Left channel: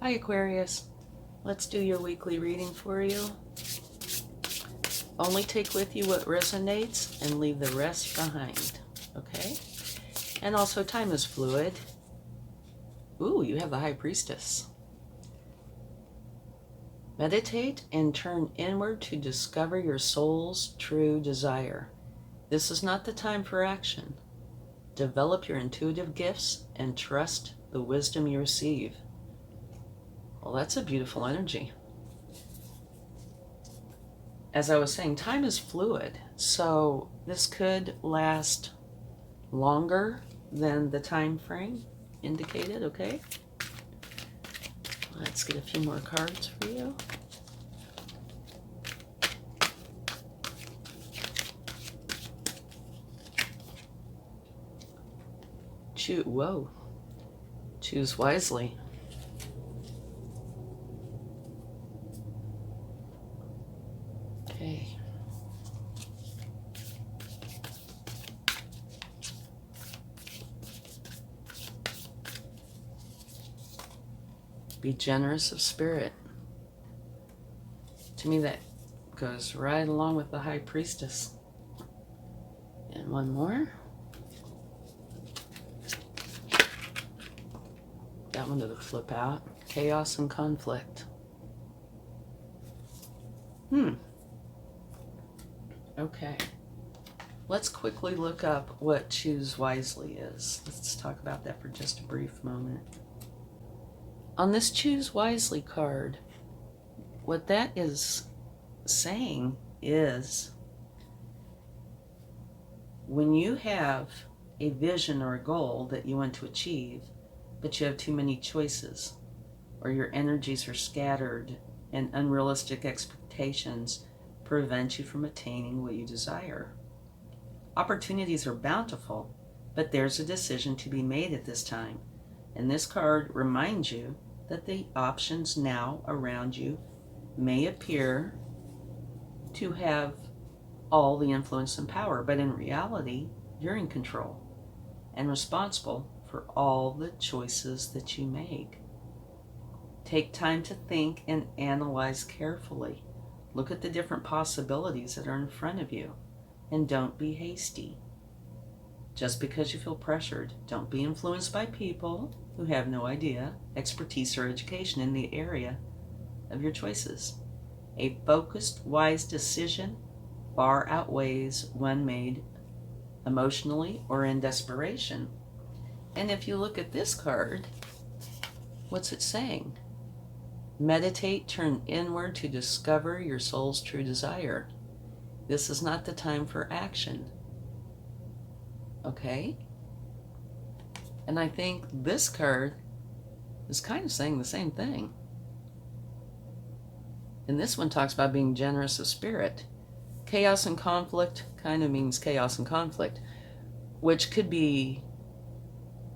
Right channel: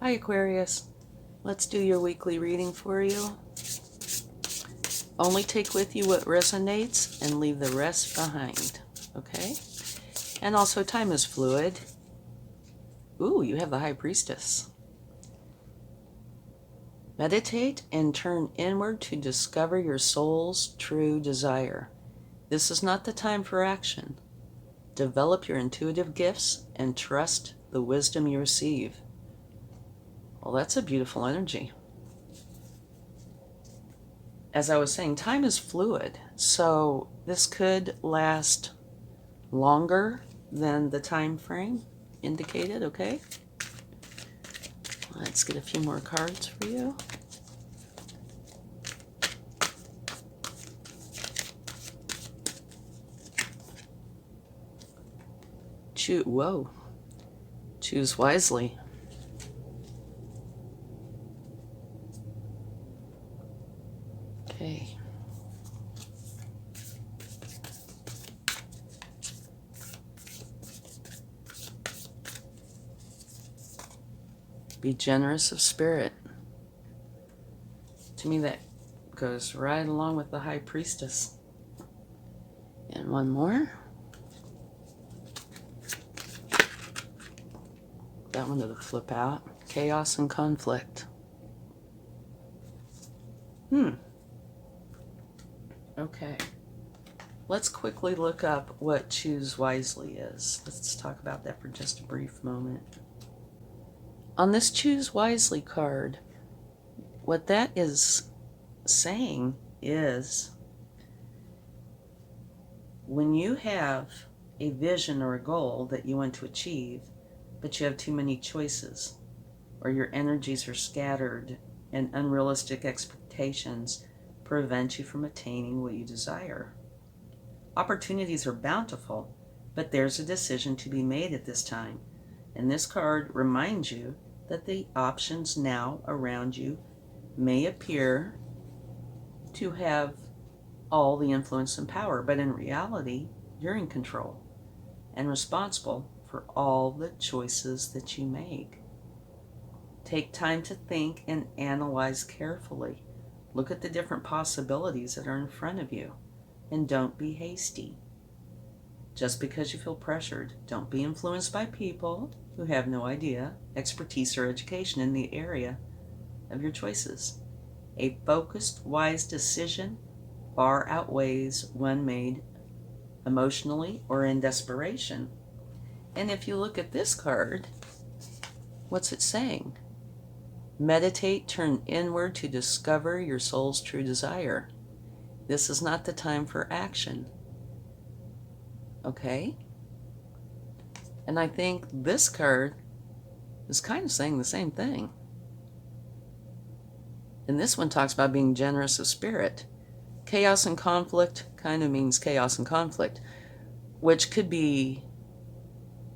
Hi Aquarius, let's do your weekly reading for you. Only take with you what resonates and leave the rest behind, okay? And also time is fluid. Ooh, you have the High Priestess. Meditate and turn inward to discover your soul's true desire. This is not the time for action. Develop your intuitive gifts and trust the wisdom you receive. Well, that's a beautiful energy. As I was saying, time is fluid, so this could last longer than the time frame indicated, okay? Let's get a few more cards for you. Choose wisely. Okay. Be generous of spirit. To me, that goes right along with the High Priestess. And one more. That one to flip out. Chaos and conflict. Okay. Let's quickly look up what choose wisely is. Let's talk about that for just a brief moment. On this choose wisely card, what that is saying is when you have a vision or a goal that you want to achieve, but you have too many choices, or your energies are scattered and unrealistic expectations prevent you from attaining what you desire. Opportunities are bountiful, but there's a decision to be made at this time. And this card reminds you that the options now around you may appear to have all the influence and power, but in reality, you're in control and responsible for all the choices that you make. Take time to think and analyze carefully. Look at the different possibilities that are in front of you, and don't be hasty. Just because you feel pressured, don't be influenced by people who have no idea, expertise, or education in the area of your choices. A focused, wise decision far outweighs one made emotionally or in desperation. And if you look at this card, what's it saying? Meditate, turn inward to discover your soul's true desire. This is not the time for action. Okay? And I think this card is kind of saying the same thing. And this one talks about being generous of spirit. Chaos and conflict kind of means chaos and conflict, which could be,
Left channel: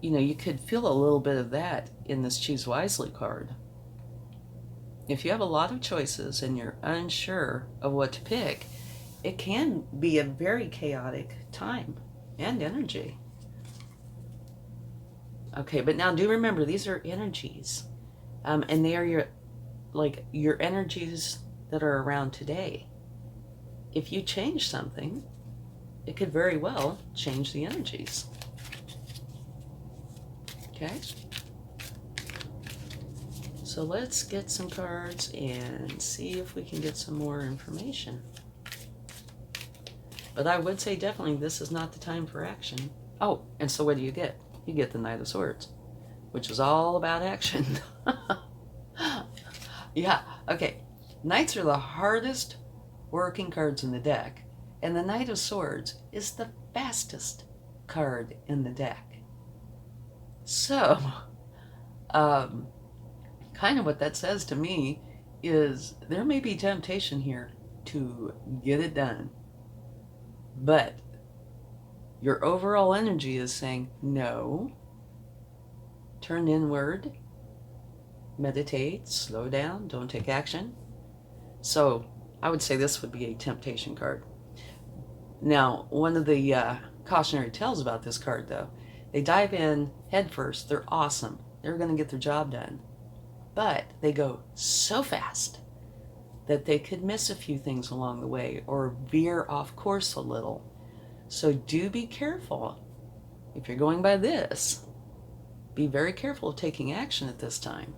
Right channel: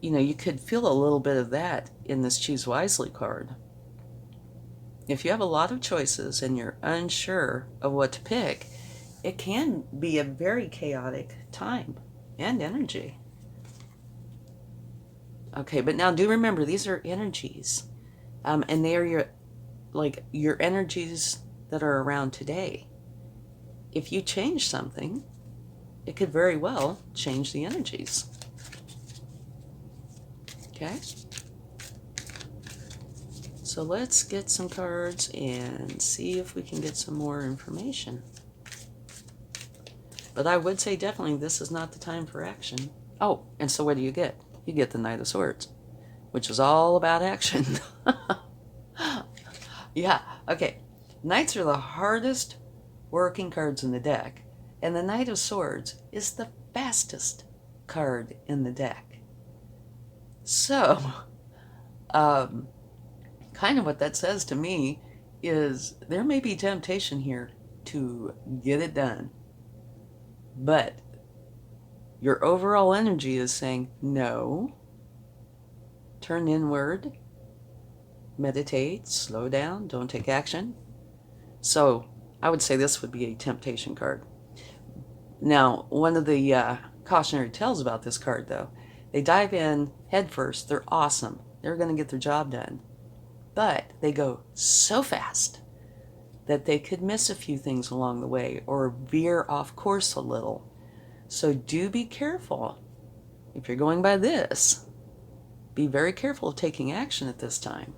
you could feel a little bit of that in this Choose Wisely card. If you have a lot of choices and you're unsure of what to pick, it can be a very chaotic time and energy. Okay, but now do remember, these are energies. And they are your energies that are around today. If you change something, it could very well change the energies. Okay? So let's get some cards and see if we can get some more information. But I would say definitely this is not the time for action. Oh, and so what do you get? You get the Knight of Swords, which is all about action. Yeah, okay. Knights are the hardest working cards in the deck, and the Knight of Swords is the fastest card in the deck. So, kind of what that says to me is there may be temptation here to get it done, but your overall energy is saying no, turn inward, meditate, slow down, don't take action. So I would say this would be a temptation card. Now, one of the cautionary tales about this card, though, they dive in head first. They're awesome. They're going to get their job done. but they go so fast that they could miss a few things along the way or veer off course a little. So do be careful. If you're going by this, be very careful of taking action at this time.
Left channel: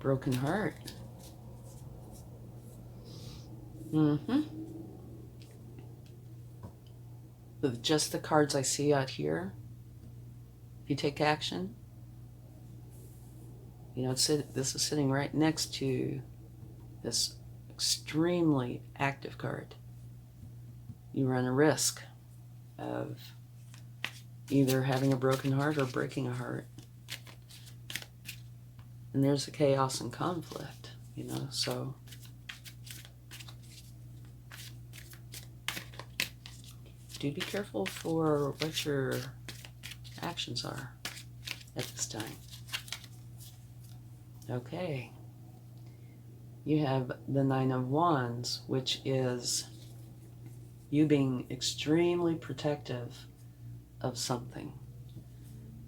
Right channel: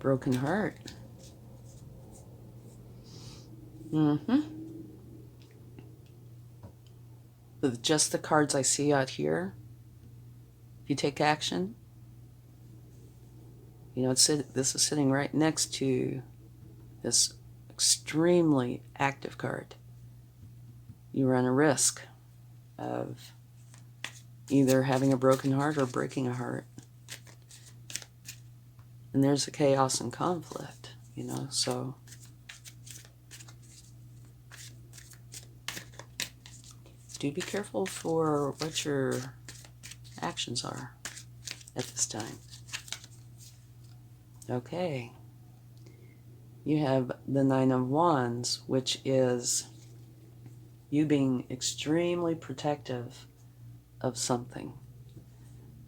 Broken heart. With just the cards I see out here, if you take action, you know, this is sitting right next to this extremely active card. You run a risk of either having a broken heart or breaking a heart. And there's the chaos and conflict, you know, so do be careful for what your actions are at this time. Okay. You have the Nine of Wands, which is you being extremely protective of something.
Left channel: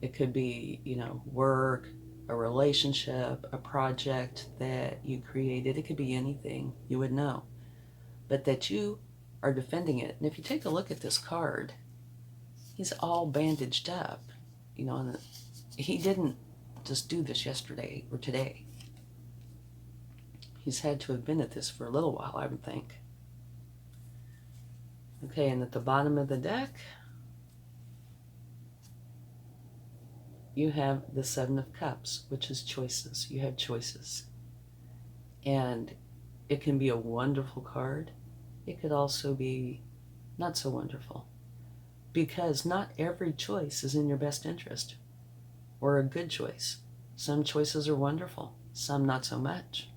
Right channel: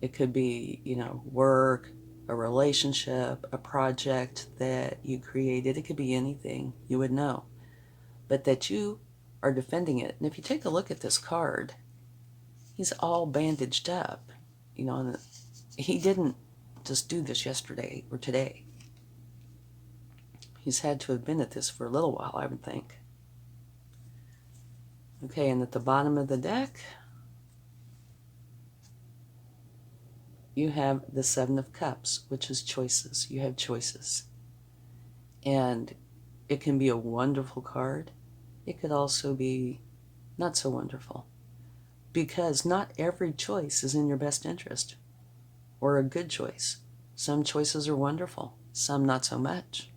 It could be, you know, work, a relationship, a project that you created. It could be anything, you would know. But that you are defending it. And if you take a look at this card, he's all bandaged up. You know, and he didn't just do this yesterday or today. He's had to have been at this for a little while, I would think. Okay, and at the bottom of the deck, you have the Seven of Cups, which is choices. You have choices. And it can be a wonderful card. It could also be not so wonderful. Because not every choice is in your best interest or a good choice. Some choices are wonderful, some not so much.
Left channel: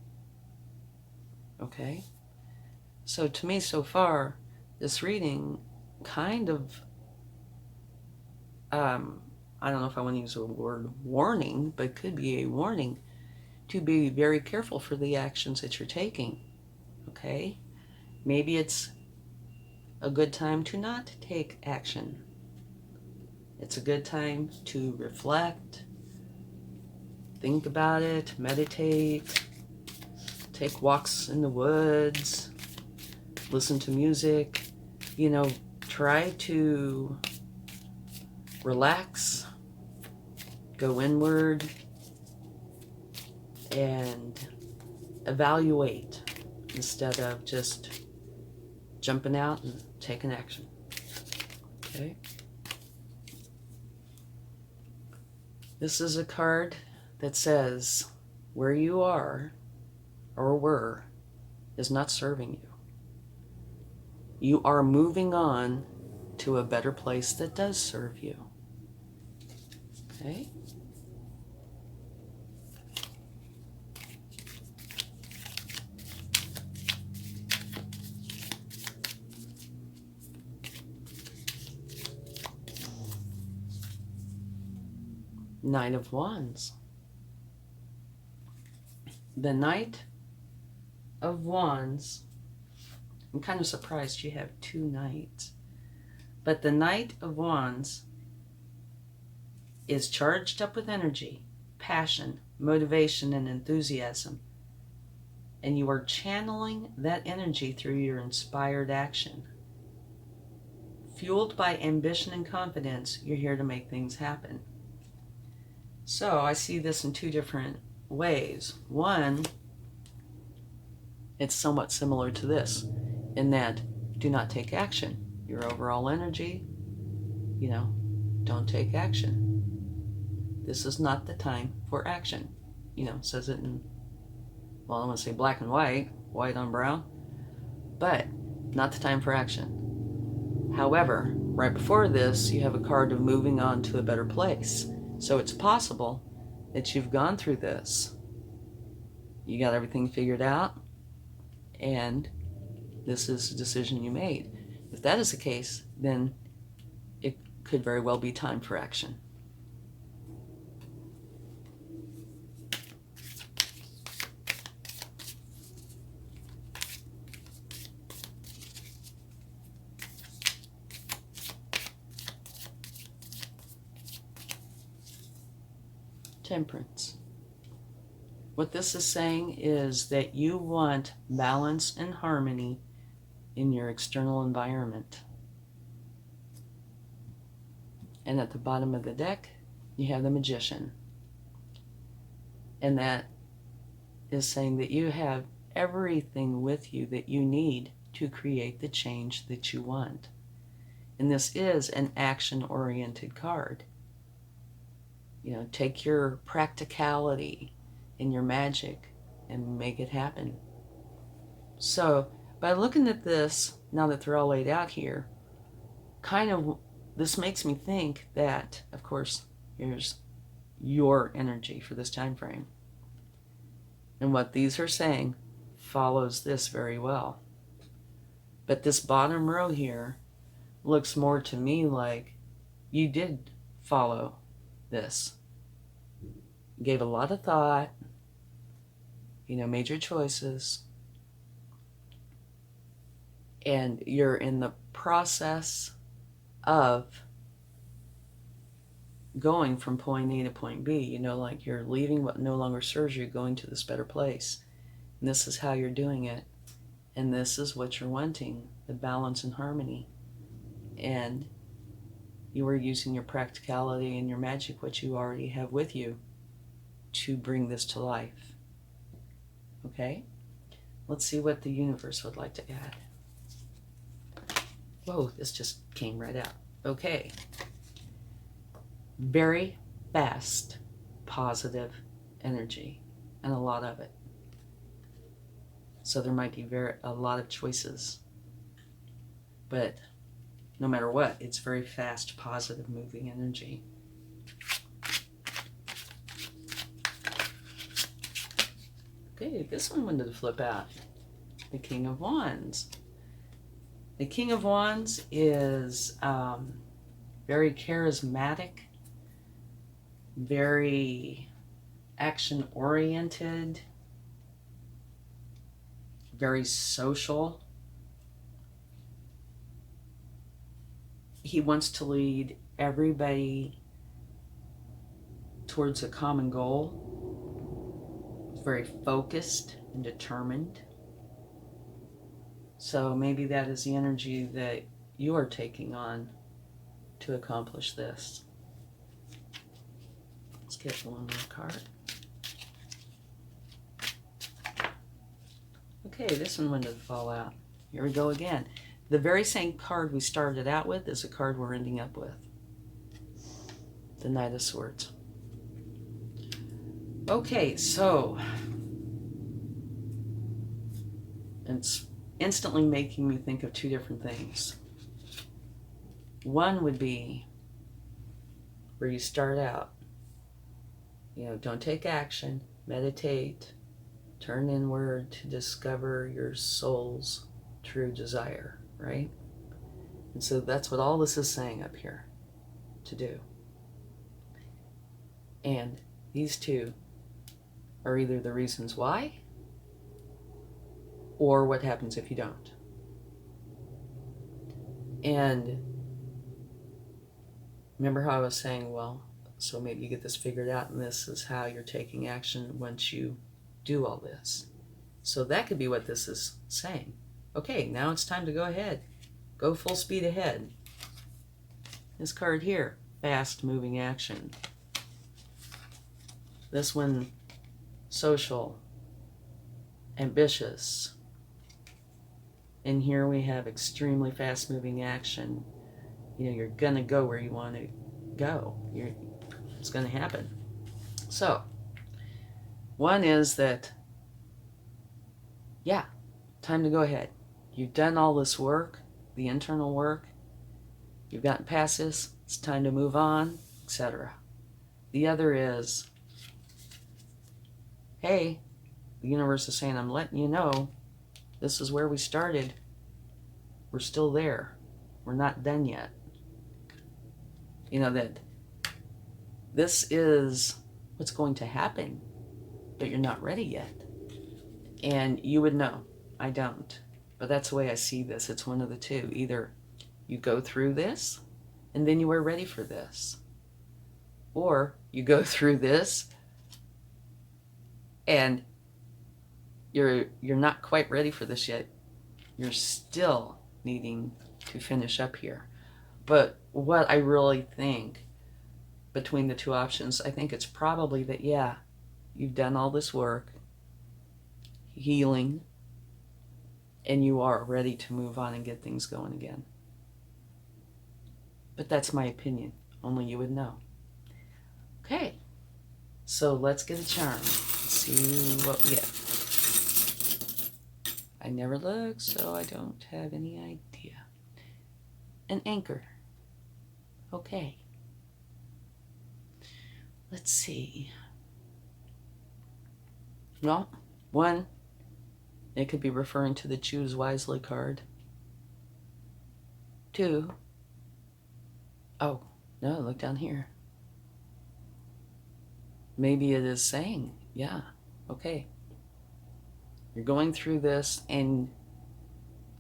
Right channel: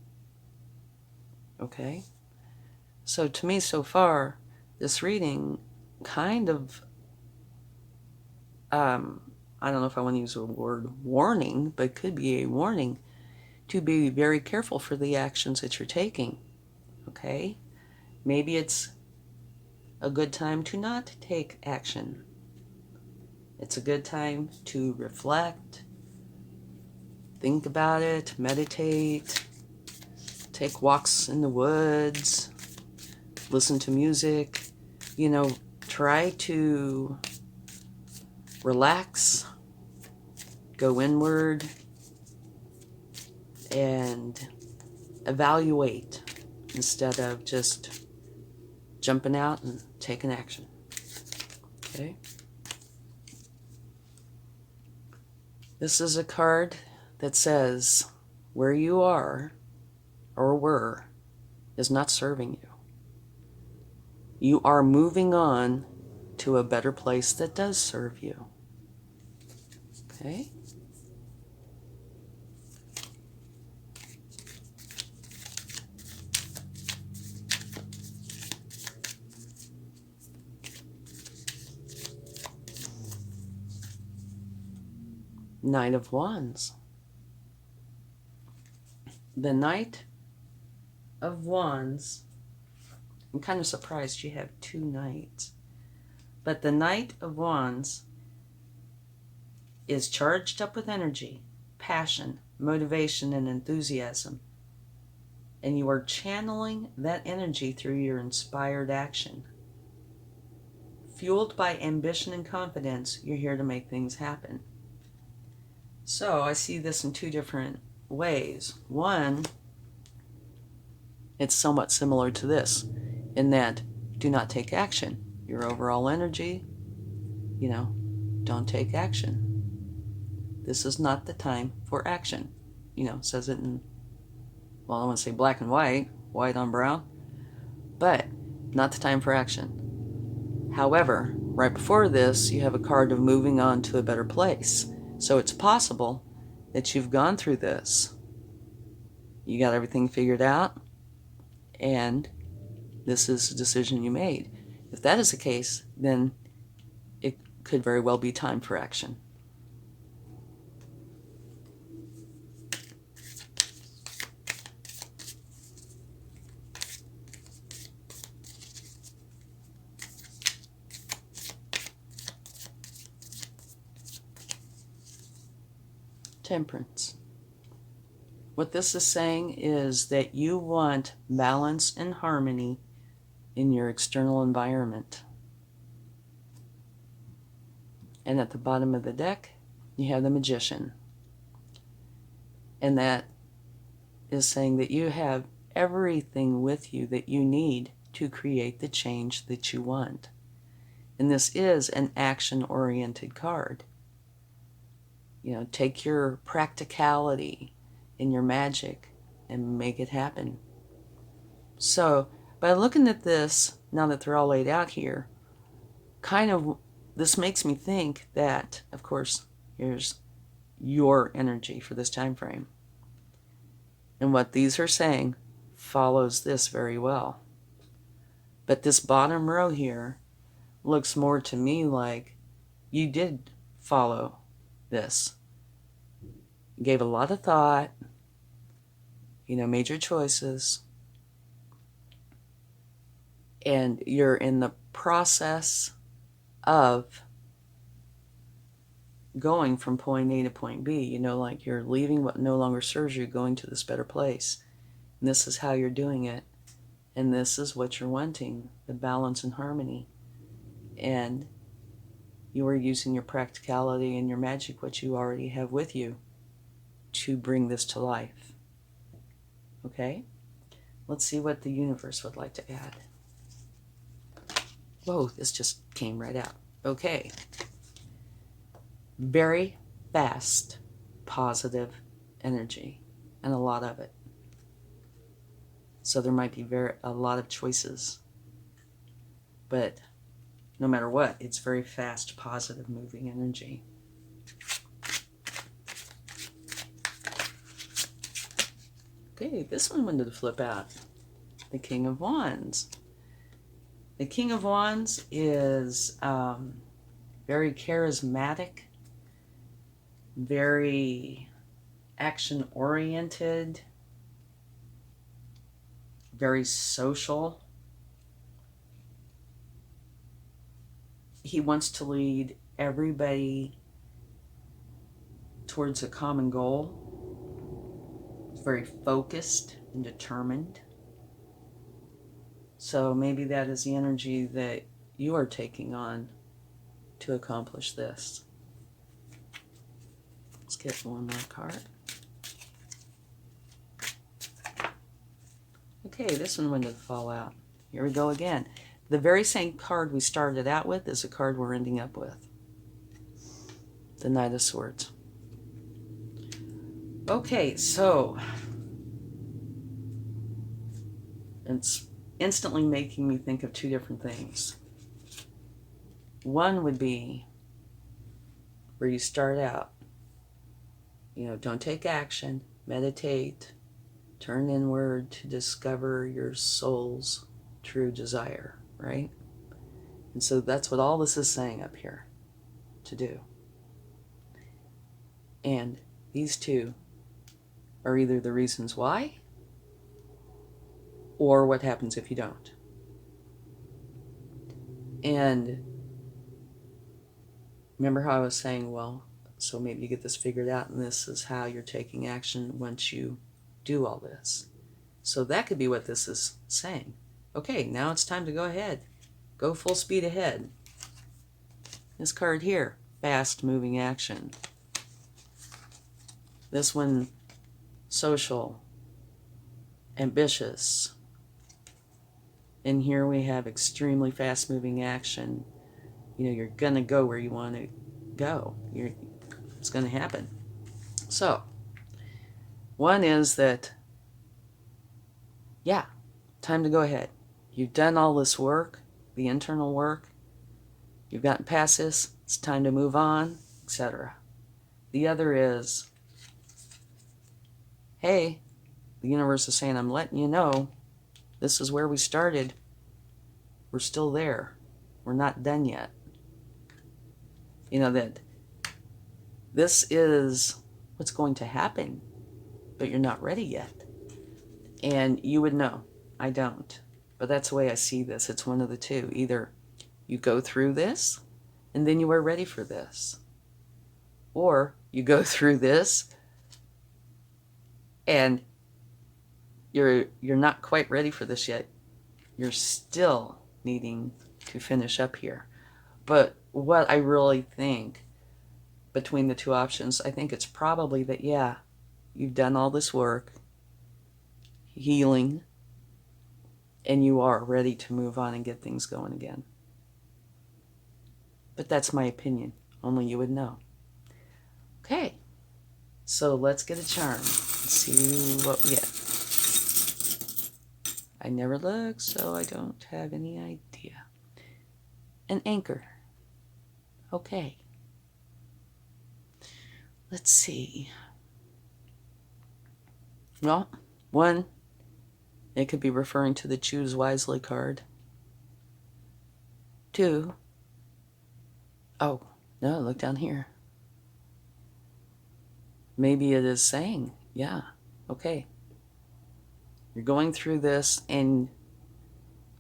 Okay? So to me, so far, this reading kind of, I don't know if I want to use the word warning, but it could be a warning to be very careful for the actions that you're taking. Okay? Maybe it's a good time to not take action. It's a good time to reflect, think about it, meditate, take walks in the woods, listen to music, you know, try to relax, go inward, and evaluate instead of just jumping out and taking action. Okay? This is a card that says where you are or were is not serving you. You are moving on to a better place that does serve you. Okay? Nine of Wands. The Knight of Wands, I'm kind of surprised you have two knights, but the Knight of Wands is charged up with energy, passion, motivation, and enthusiasm, and you are channeling that energy through your inspired action. Fueled by ambition and confidence, you're here to make things happen. So I see this in two different ways. One, it's somewhat similar to this, in that do not take action. Your overall energy, you know, don't take action. This is not the time for action. You know, says it in, well, I want to say black and white, white on brown, but not the time for action. However, right before this, you have a card of moving on to a better place. So it's possible that you've gone through this. You got everything figured out, and this is a decision you made. If that is the case, then it could very well be time for action. Temperance. What this is saying is that you want balance and harmony in your external environment. And at the bottom of the deck, you have the Magician. And that is saying that you have everything with you that you need to create the change that you want. And this is an action-oriented card. You know, take your practicality and your magic and make it happen. So, by looking at this, now that they're all laid out here, this makes me think that, of course, here's your energy for this time frame. And what these are saying follows this very well. But this bottom row here looks more to me like you did follow this. Gave a lot of thought, made your choices. And you're in the process of going from point A to point B, like you're leaving what no longer serves you, going to this better place. And this is how you're doing it. And this is what you're wanting, the balance and harmony. And you are using your practicality and your magic, what you already have with you, to bring this to life. Okay? Let's see what the universe would like to add. Whoa, this just came right out. Okay. Very fast, positive energy, and a lot of it. So there might be a lot of choices. But no matter what, it's very fast, positive, moving energy. Okay, this one wanted to flip out. The King of Wands. The King of Wands is very charismatic, very action-oriented, very social. He wants to lead everybody towards a common goal. He's very focused and determined. So maybe that is the energy that you are taking on to accomplish this. Let's get one more card. Okay, this one wanted to fall out. Here we go again. The very same card we started out with is the card we're ending up with. The Knight of Swords. Okay, so it's instantly making me think of two different things. One would be where you start out, don't take action, meditate, turn inward to discover your soul's true desire, right? And so that's what all this is saying up here to do. And these two are either the reasons why or what happens if you don't. And remember how I was saying, well, so maybe you get this figured out and this is how you're taking action once you do all this. So that could be what this is saying. Okay, now it's time to go ahead. Go full speed ahead. This card here, fast moving action. This one, social, ambitious. And here we have extremely fast moving action. You're going to go where you want to go. It's going to happen. So, one is that, yeah, time to go ahead. You've done all this work, the internal work. You've gotten past this. It's time to move on, etc. The other is, hey, the universe is saying, I'm letting you know, this is where we started. We're still there. We're not done yet. That this is what's going to happen, but you're not ready yet. And you would know. I don't. But that's the way I see this. It's one of the two. Either you go through this, and then you are ready for this. Or you go through this, And you're not quite ready for this yet. You're still needing to finish up here. But what I really think between the two options, I think it's probably that, yeah, you've done all this work, healing, and you are ready to move on and get things going again. But that's my opinion. Only you would know. Okay, so let's get a charm and see what we get. I never look, so I don't have any idea. An anchor. Okay. Let's see. Well, one, it could be referring to the Choose Wisely card. Two, oh, no, look down here. Maybe it is saying, yeah, okay. You're going through this, and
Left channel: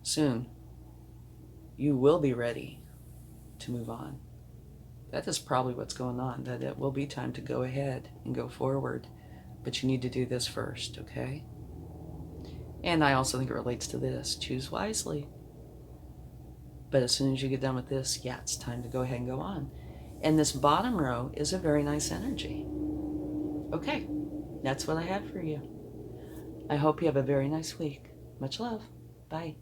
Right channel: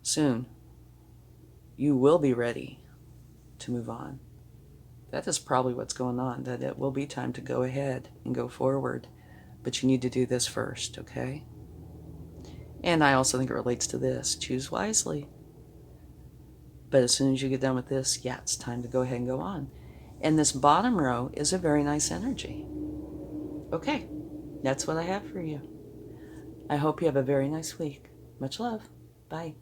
soon you will be ready to move on. That is probably what's going on, that it will be time to go ahead and go forward. But you need to do this first, okay? And I also think it relates to this. Choose wisely. But as soon as you get done with this, yeah, it's time to go ahead and go on. And this bottom row is a very nice energy. Okay, that's what I have for you. I hope you have a very nice week. Much love. Bye.